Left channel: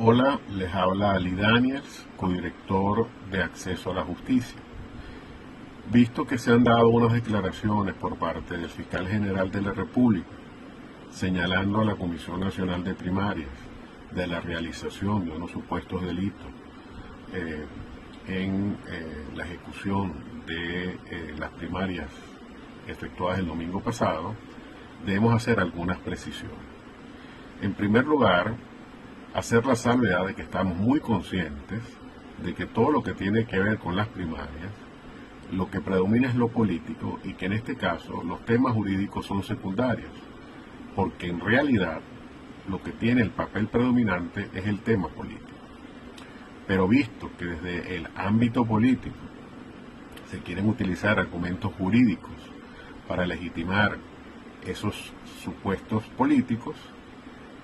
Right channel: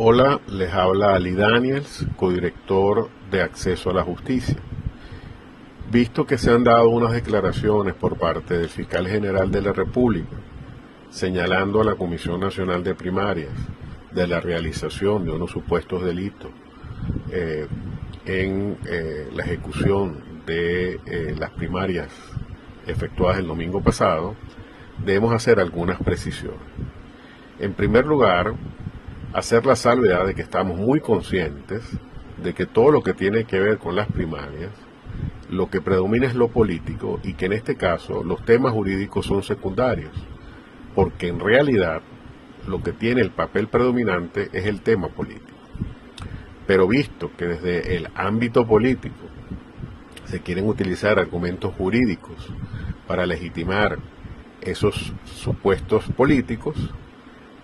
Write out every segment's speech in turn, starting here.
Hola, les habla Ali Daniels, codirector de Acceso a la Justicia. Visto que se han dado unas declaraciones por parte del fiscal general de la República, señalando a la Comisión Nacional de Primarias de la realización de unos supuestos delitos en la ejecución de las primarias efectuadas el domingo pasado, debemos hacer algunas precisiones. En primer lugar, hacer la salvedad de que estamos muy conscientes de que todo lo que tiene que ver con las primarias, lo que predomina es lo político y que en este caso los temas jurídicos son secundarios, porque en realidad lo que tiene el papel predominante es el tema político. Pero visto que desde el ámbito político se quieren utilizar argumentos jurídicos para legitimar esos supuestos políticos,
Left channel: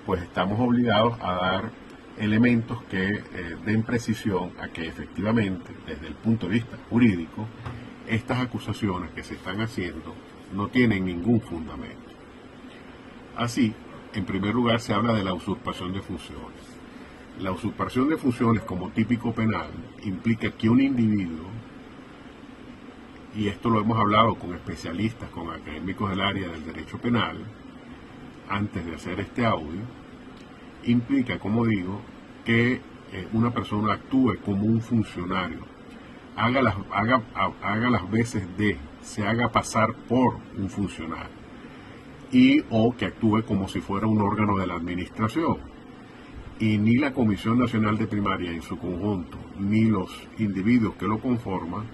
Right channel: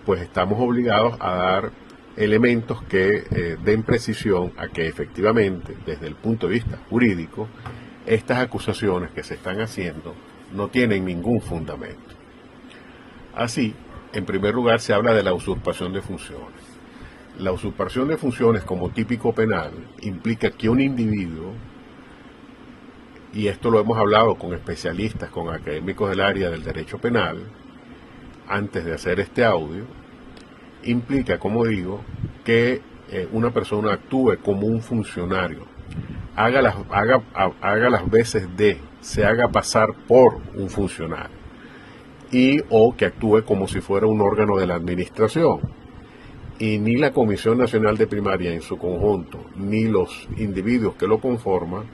pues estamos obligados a dar elementos que den precisión a que efectivamente, desde el punto de vista jurídico, estas acusaciones que se están haciendo no tienen ningún fundamento. Así, en primer lugar, se habla de la usurpación de funciones. La usurpación de funciones como típico penal implica que un individuo, y esto lo hemos hablado con especialistas, con académicos del área del derecho penal, antes de hacer este audio, implica, como digo, que una persona actúe como un funcionario, haga las veces de, se haga pasar por un funcionario, y o que actúe como si fuera un órgano de la administración. Y ni la Comisión Nacional de Primaria en su conjunto, ni los individuos que lo conforman,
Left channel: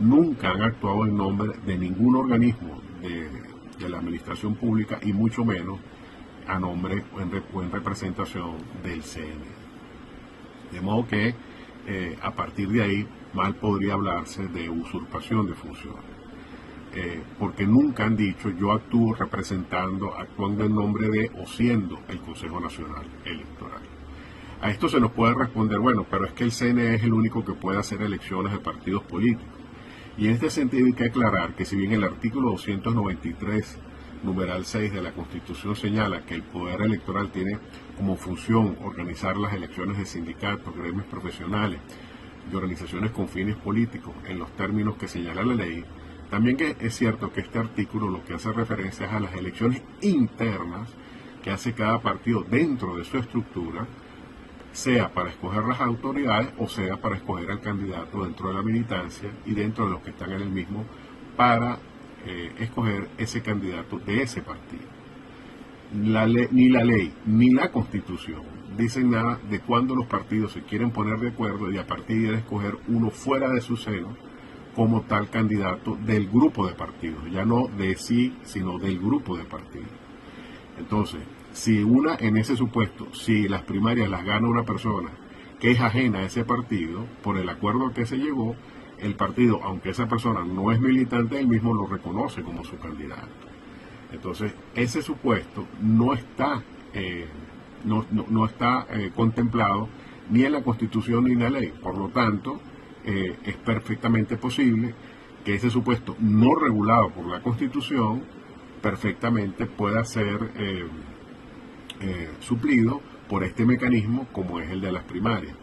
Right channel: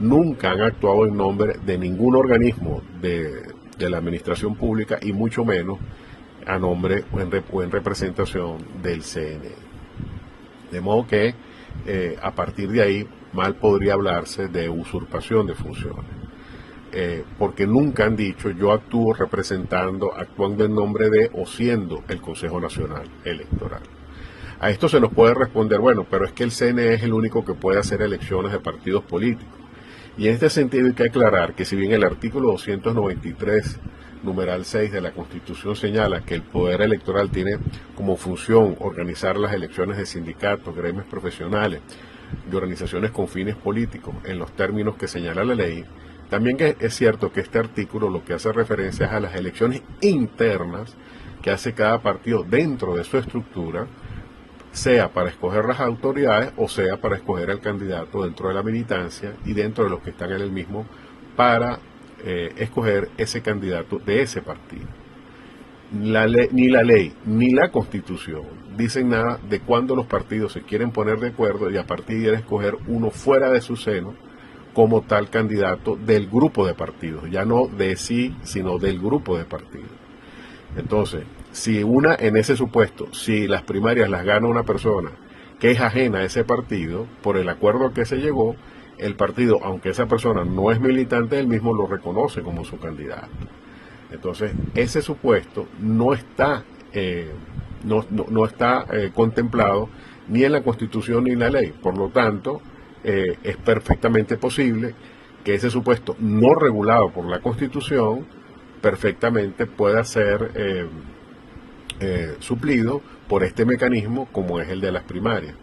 nunca han actuado en nombre de ningún organismo de la administración pública y mucho menos a nombre o en representación del CNE. De modo que a partir de ahí mal podría hablarse de usurpación de funciones, porque nunca han dicho yo actúo representando, actuando en nombre de o siendo el Consejo Nacional Electoral. A esto se nos puede responder, bueno, pero es que el CNE es el único que puede hacer elecciones de partidos políticos. Y en este sentido hay que aclarar que si bien el artículo 293, numeral 6 de la Constitución señala que el Poder Electoral tiene como función organizar las elecciones de sindicatos, gremios profesionales, de organizaciones con fines políticos, en los términos que señala la ley, también es cierto que este artículo lo que hace referencia es a las elecciones internas que hace cada partido dentro de su estructura, sea para escoger las autoridades o sea para escoger al candidato dentro de la militancia y dentro de los que están en el mismo para escoger ese candidato de ese partido. Ni la ley ni la Constitución dicen nada de cuándo los partidos se quieren poner de acuerdo y a partir de ahí escoger uno fuera de su seno como tal candidato del grupo de partidos, ya no de sí, sino del grupo de partidos. Entonces, en ese supuesto, si las primarias las gana una persona que es ajena a ese partido, por el acuerdo que se llegó, el partido, aunque esa persona no es militante, él mismo lo reconoce como su candidato. Entonces, ese supuesto no está, contemplado ni en la Constitución ni en la ley. Por lo tanto, es perfectamente posible que ese supuesto no regulado por la Constitución perfectamente pueda ser suplido por este mecanismo como es el de las primarias.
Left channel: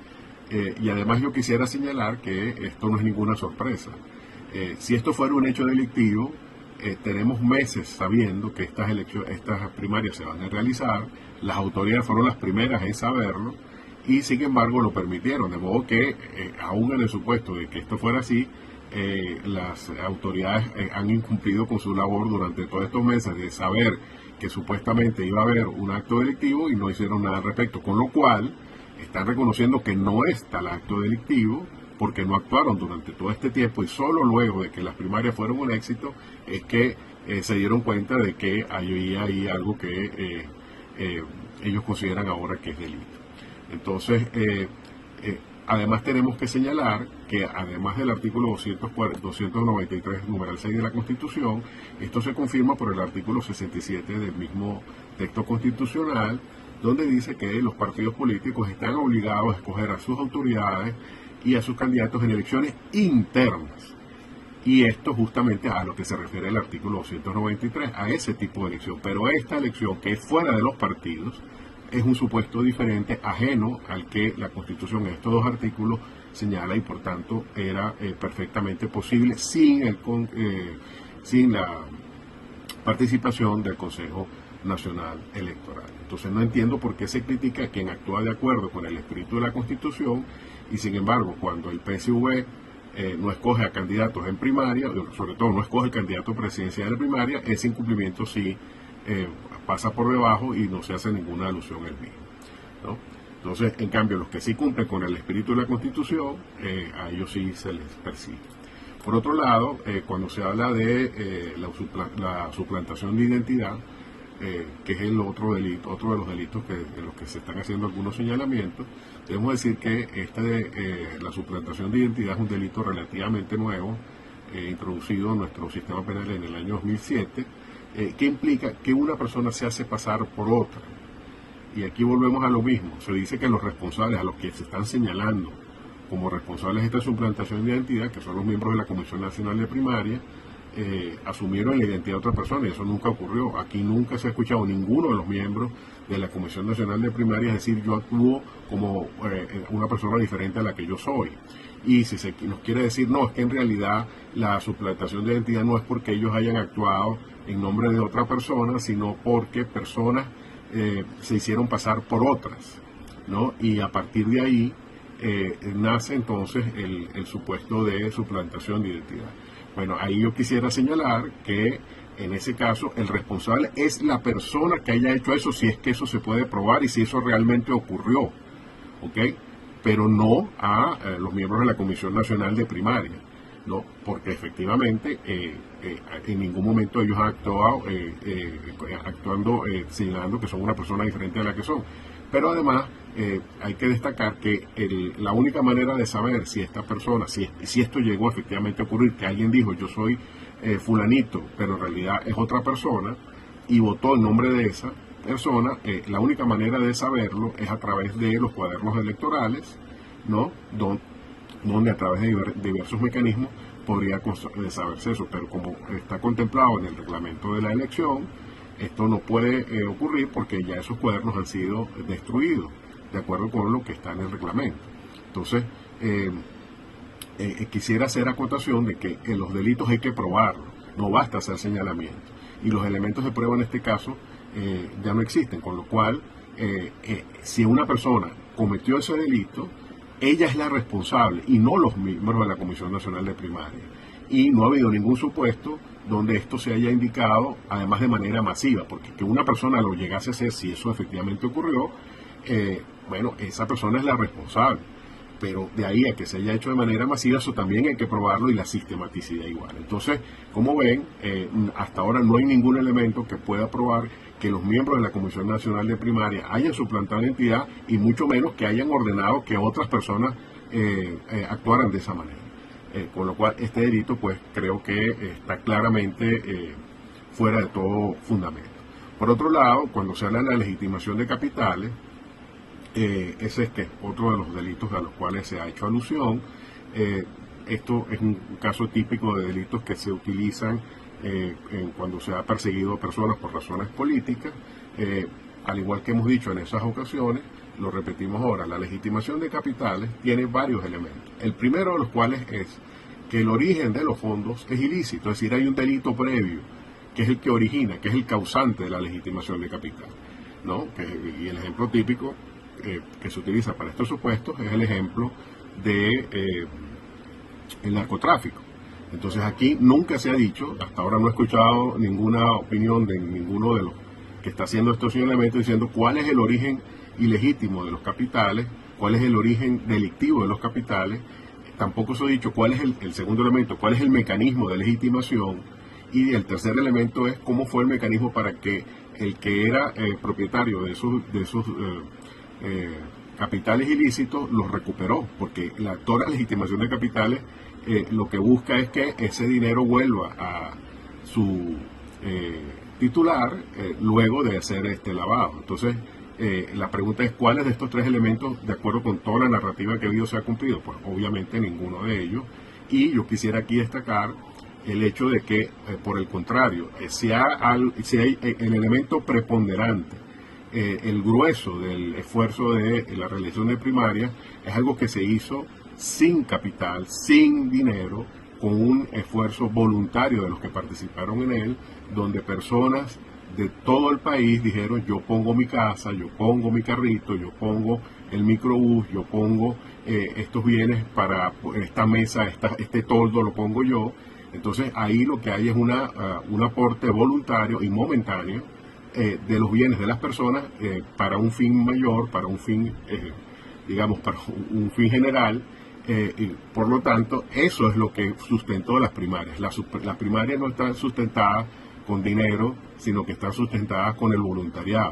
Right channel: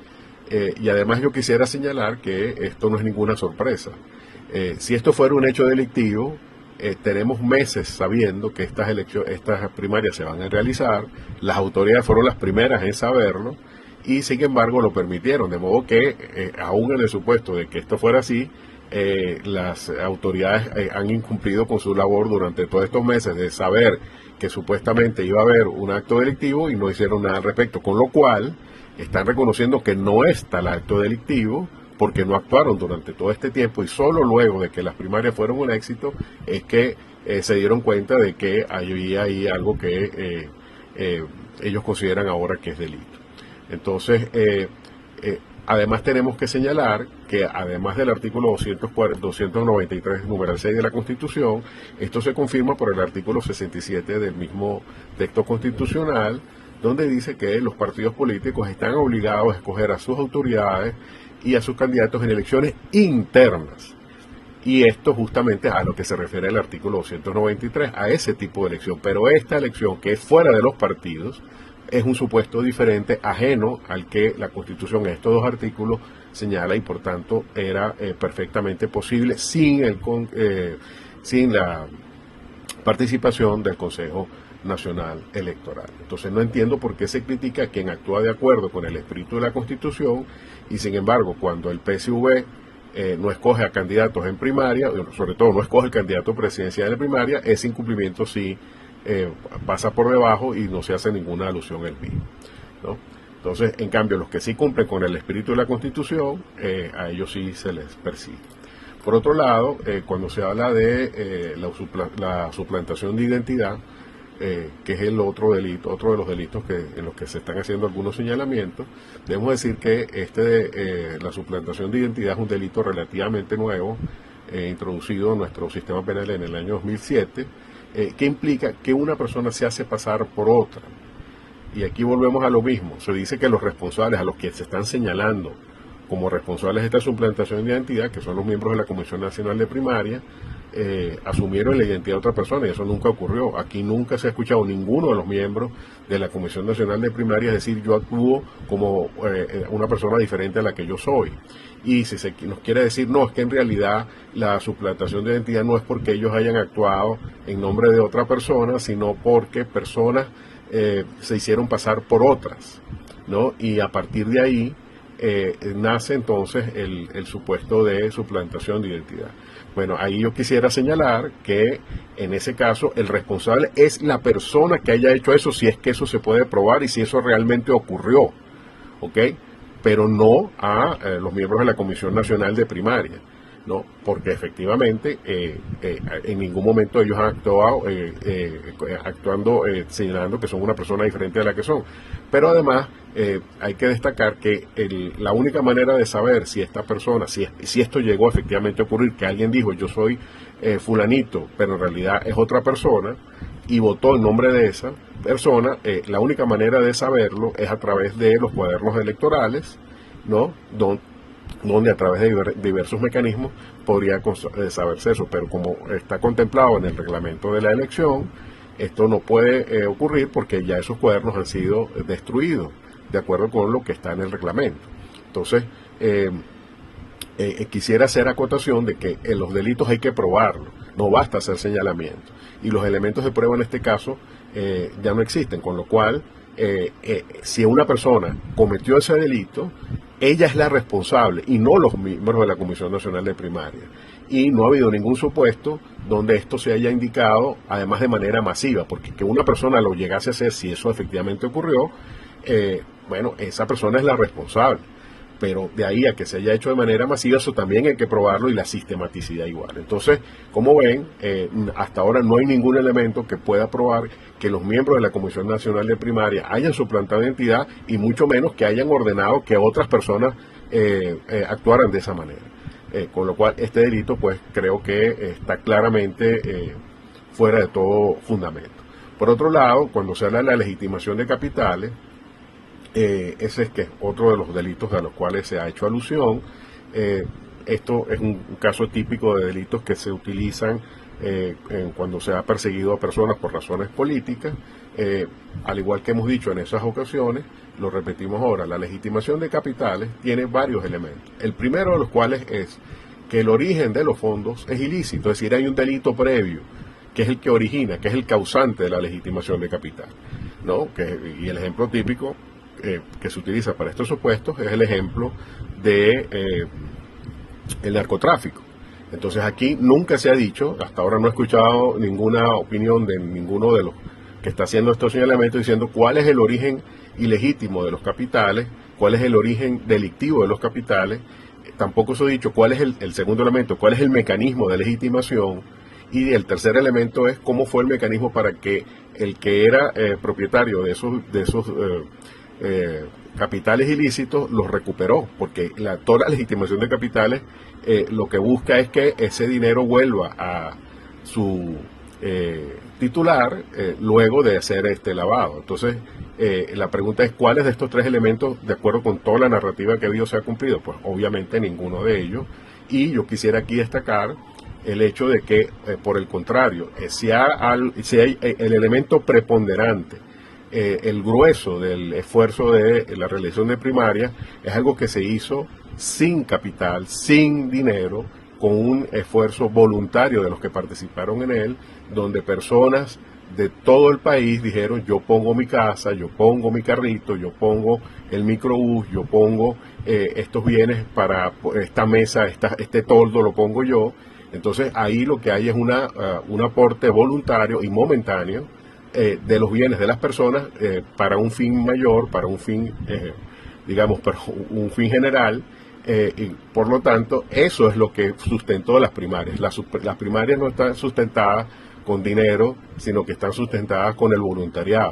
Y además yo quisiera señalar que esto no es ninguna sorpresa. Si esto fuera un hecho delictivo, tenemos meses sabiendo que estas primarias se van a realizar, las autoridades fueron las primeras en saberlo y sin embargo lo permitieron, de modo que aún en el supuesto de que esto fuera así, las autoridades han incumplido con su labor durante todos estos meses de saber que supuestamente iba a haber un acto delictivo y no hicieron nada al respecto, con lo cual están reconociendo que no es tal acto delictivo porque no actuaron durante todo este tiempo y solo luego de que las primarias fueron un éxito es que se dieron cuenta de que había ahí algo que ellos consideran ahora que es delito. Entonces, además tenemos que señalar que además del artículo 293, número 6 de la Constitución, esto se confirma por el artículo 67 del mismo texto constitucional, donde dice que los partidos políticos están obligados a escoger a sus autoridades y a sus candidatos en elecciones internas. Y esto justamente a lo que se refiere el artículo 293, a ese tipo de elección. Pero esta elección que es fuera de los partidos, es un supuesto diferente, ajeno al que la Constitución en estos dos artículos señala, y por tanto era perfectamente posible sin la participación del Consejo Nacional Electoral. Entonces no entiendo por qué se critica a quien actúa de acuerdo con el espíritu de la Constitución, y sin embargo cuando el PSV no escoge a candidatos en primaria, sobre todo no escoge el candidato presidencial en primaria, ese incumplimiento sí pasa por debajo y no se hace ninguna alusión al mismo, ¿no? Entonces, en cambio, los que sí cumplen con el espíritu de la Constitución, a ellos sí se les persigue. Por otro lado, cuando se habla de la suplantación de identidad, que es el otro delito, otro de los delitos en los que se están haciendo algunos señalamientos, debemos decir que la suplantación de identidad es un delito relativamente nuevo, introducido en nuestro sistema penal en el año 2007, que implica que una persona se hace pasar por otra. Y aquí volvemos a lo mismo. Se dice que los responsables, a los que se están señalando como responsables de esta suplantación de identidad, que son los miembros de la Comisión Nacional de Primaria, asumieron la identidad de otra persona, y eso nunca ocurrió. Aquí nunca se ha escuchado ninguno de los miembros de la Comisión Nacional de Primaria decir yo actúo como una persona diferente a la que yo soy. Y si se nos quiere decir, no, es que en realidad la suplantación de identidad no es porque ellos hayan actuado en nombre de otra persona, sino porque personas se hicieron pasar por otras, ¿no? Y a partir de ahí nace entonces el supuesto de suplantación de identidad. Bueno, ahí yo quisiera señalar que en ese caso el responsable es la persona que haya hecho eso, si es que eso se puede probar y si eso realmente ocurrió, ¿ok? Pero no a los miembros de la Comisión Nacional de Primaria, ¿no? Porque efectivamente en ningún momento ellos han actuado señalando que son una persona diferente a la que son. Pero además hay que destacar que la única manera de saber si esta persona, si esto llegó efectivamente a ocurrir, que alguien dijo yo soy fulanito, pero en realidad es otra persona, y votó en nombre de esa persona, la única manera de saberlo es a través de los cuadernos electorales, ¿no? Donde a través de diversos mecanismos podría saberse eso, pero como está contemplado en el reglamento de la elección, esto no puede ocurrir porque ya esos cuadernos han sido destruidos, de acuerdo con lo que está en el reglamento. Entonces, quisiera hacer acotación de que en los delitos hay que probarlo, no basta hacer señalamiento, y los elementos de prueba en este caso ya no existen, con lo cual, si una persona cometió ese delito, ella es la responsable y no los miembros de la Comisión Nacional de Primaria. Y no ha habido ningún supuesto donde esto se haya indicado, además de manera masiva, porque que una persona lo llegase a hacer, si eso efectivamente ocurrió, bueno, esa persona es la responsable. Pero de ahí a que se haya hecho de manera masiva, eso también hay que probarlo, y la sistematicidad igual. Entonces, como ven, hasta ahora no hay ningún elemento que pueda probar que los miembros de la Comisión Nacional de Primaria hayan suplantado identidad, y mucho menos que hayan ordenado que otras personas actuaran de esa manera. Con lo cual, este delito, pues, creo que está claramente fuera de todo fundamento. Por otro lado, cuando se habla de la legitimación de capitales, ese es que es otro de los delitos a los cuales se ha hecho alusión. Esto es un caso típico de delitos que se utilizan cuando se ha perseguido a personas por razones políticas. Al igual que hemos dicho en esas ocasiones, lo repetimos ahora, la legitimación de capitales tiene varios elementos. El primero de los cuales es que el origen de los fondos es ilícito, es decir, hay un delito previo, que es el que origina, que es el causante de la legitimación de capital, ¿no? Y el ejemplo típico que se utiliza para estos supuestos es el ejemplo de el narcotráfico. Entonces aquí nunca se ha dicho, hasta ahora no he escuchado ninguna opinión de ninguno de los que está haciendo estos señalamientos diciendo cuál es el origen ilegítimo de los capitales, cuál es el origen delictivo de los capitales. Tampoco se ha dicho cuál es el segundo elemento, cuál es el mecanismo de legitimación, y el tercer elemento es cómo fue el mecanismo para que el que era propietario de esos capitales ilícitos los recuperó, porque toda la legitimación de capitales lo que busca es que ese dinero vuelva a su titular luego de hacer este lavado. Entonces, la pregunta es cuáles de estos tres elementos, de acuerdo con toda la narrativa que ha habido, se ha cumplido. Pues obviamente ninguno de ellos, y yo quisiera aquí destacar el hecho de que, por el contrario, si hay el elemento preponderante el grueso del esfuerzo de la reelección de primaria es algo que se hizo sin capital, sin dinero, con un esfuerzo voluntario de los que participaron en él, donde personas de todo el país dijeron: yo pongo mi casa, yo pongo mi carrito, yo pongo el microbús, yo pongo estos bienes para esta mesa, este toldo lo pongo yo. Entonces ahí lo que hay es un aporte voluntario y momentáneo de los bienes de las personas para un fin mayor, para un fin, digamos, para un fin general. Y por lo tanto, eso es lo que sustentó las primarias. Las primarias no están sustentadas con dinero, sino que están sustentadas con el voluntariado.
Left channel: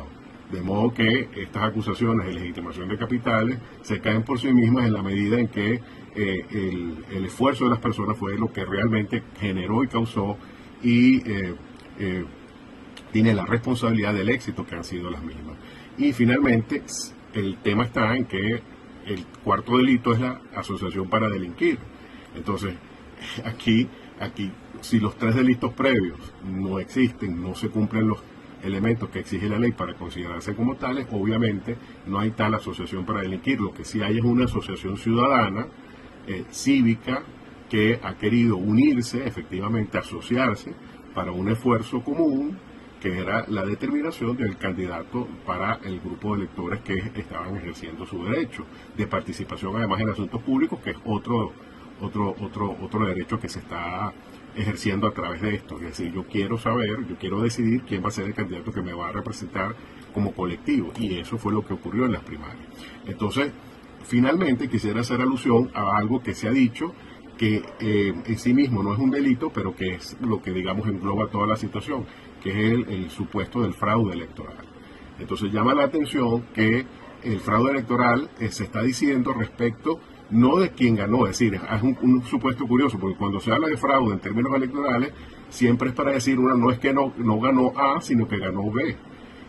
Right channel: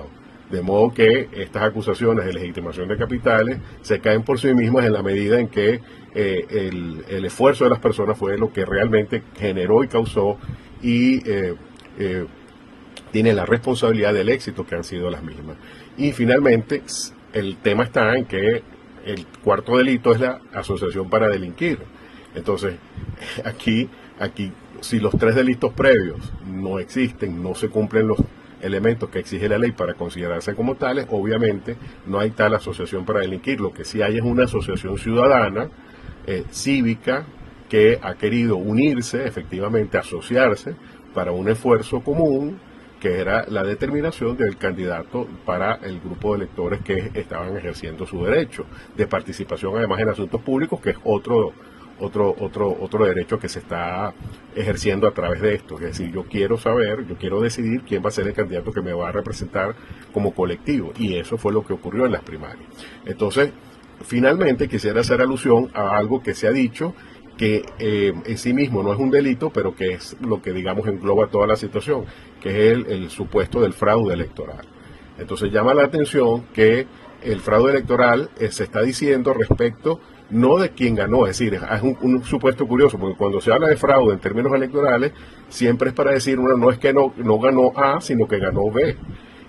De modo que estas acusaciones de legitimación de capitales se caen por sí mismas en la medida en que el esfuerzo de las personas fue lo que realmente generó y causó y tiene la responsabilidad del éxito que han sido las mismas. Y finalmente, el tema está en que el cuarto delito es la asociación para delinquir. Entonces, aquí, si los tres delitos previos no existen, no se cumplen los elementos que exige la ley para considerarse como tales, obviamente no hay tal asociación para delinquir. Lo que sí hay es una asociación ciudadana, cívica, que ha querido unirse, efectivamente asociarse para un esfuerzo común, que era la determinación del candidato para el grupo de electores que estaban ejerciendo su derecho de participación, además en asuntos públicos, que es otro derecho que se está ejerciendo a través de esto. Es decir, yo quiero decidir quién va a ser el candidato que me va a representar como colectivo, y eso fue lo que ocurrió en las primarias. Entonces, finalmente quisiera hacer alusión a algo que se ha dicho, que en sí mismo no es un delito, pero que es lo que, digamos, engloba toda la situación, que es el supuesto del fraude electoral. Entonces llama la atención que el fraude electoral se está diciendo respecto no de quién ganó, es decir, es un supuesto curioso, porque cuando se habla de fraude en términos electorales, siempre es para decir, no es que no ganó A, sino que ganó B.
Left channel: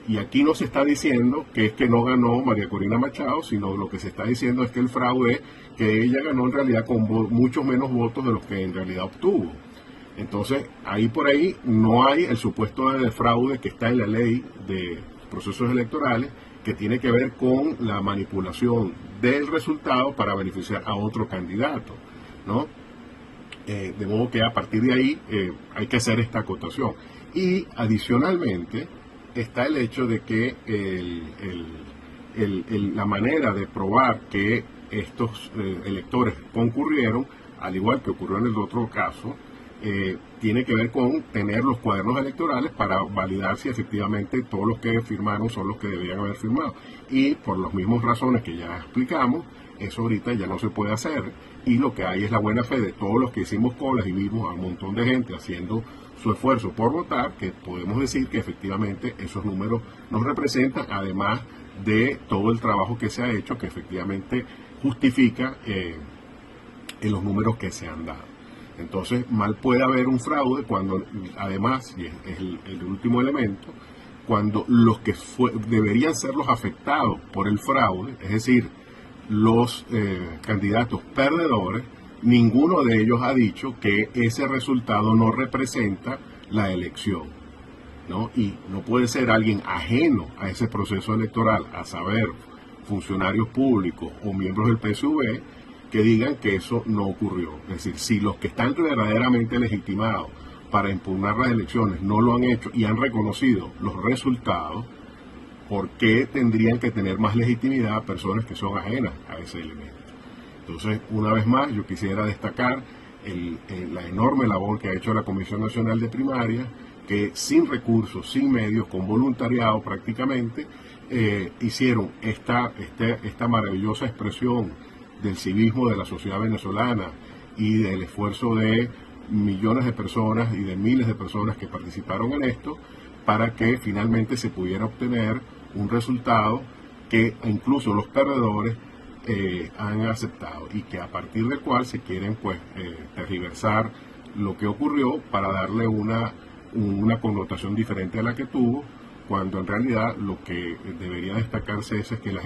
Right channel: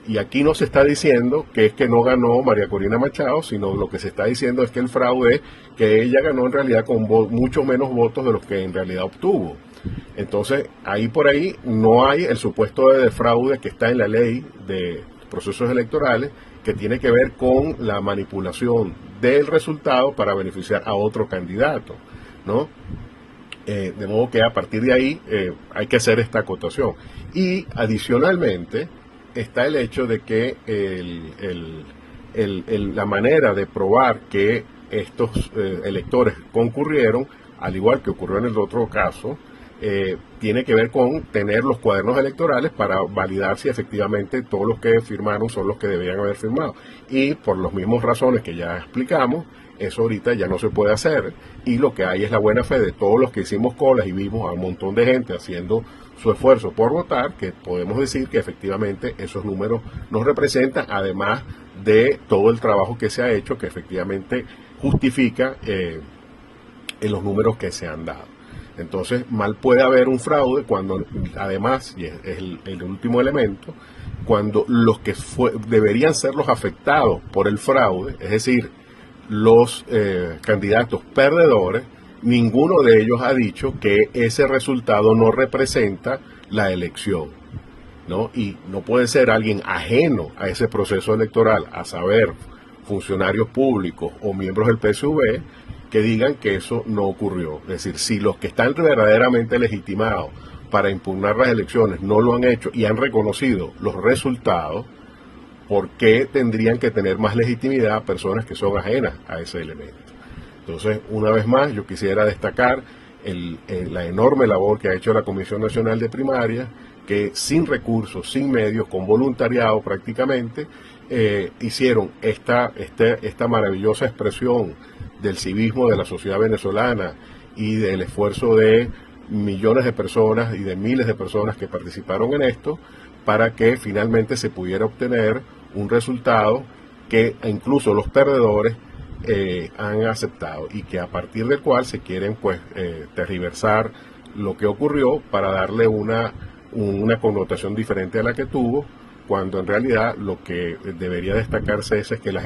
Y aquí no se está diciendo que es que no ganó María Corina Machado, sino lo que se está diciendo es que el fraude es que ella ganó en realidad con muchos menos votos de los que en realidad obtuvo. Entonces, ahí por ahí no hay el supuesto de fraude que está en la ley de procesos electorales, que tiene que ver con la manipulación del resultado para beneficiar a otro candidato, ¿no? De modo que a partir de ahí hay que hacer esta acotación. Y adicionalmente está el hecho de que la manera de probar que estos electores concurrieron, al igual que ocurrió en el otro caso, tiene que ver con tener los cuadernos electorales para validar si efectivamente todos los que firmaron son los que deberían haber firmado. Y por las mismas razones que ya explicamos, eso ahorita ya no se puede hacer, y lo que hay es la buena fe de todos los que hicimos colas y vimos a un montón de gente haciendo su esfuerzo por votar, que podemos decir que efectivamente esos números nos representan, además de todo el trabajo que se ha hecho, que efectivamente justifica en los números que se han dado. Entonces, mal puede haber un fraude cuando, además, y es el último elemento, cuando los que deberían ser los afectados por el fraude, es decir, los candidatos perdedores, ninguno de ellos ha dicho que ese resultado no representa la elección, ¿no? Y no puede ser alguien ajeno a ese proceso electoral, a saber, funcionarios públicos o miembros del PSV, que digan que eso no ocurrió. Es decir, si los que están verdaderamente legitimados para impugnar las elecciones no lo han hecho y han reconocido los resultados, ¿por qué tendrían que tener más legitimidad personas que son ajenas a ese elemento? Entonces, una vez más, yo quisiera destacar la enorme labor que ha hecho la Comisión Nacional de Primarias, que sin recursos, sin medios, con voluntariado prácticamente, hicieron esta maravillosa expresión del civismo de la sociedad venezolana y del esfuerzo de millones de personas y de miles de personas que participaron en esto, para que finalmente se pudiera obtener un resultado que incluso los perdedores han aceptado, y que a partir del cual se quieren tergiversar lo que ocurrió para darle una connotación diferente a la que tuvo, cuando en realidad lo que debería destacarse es que la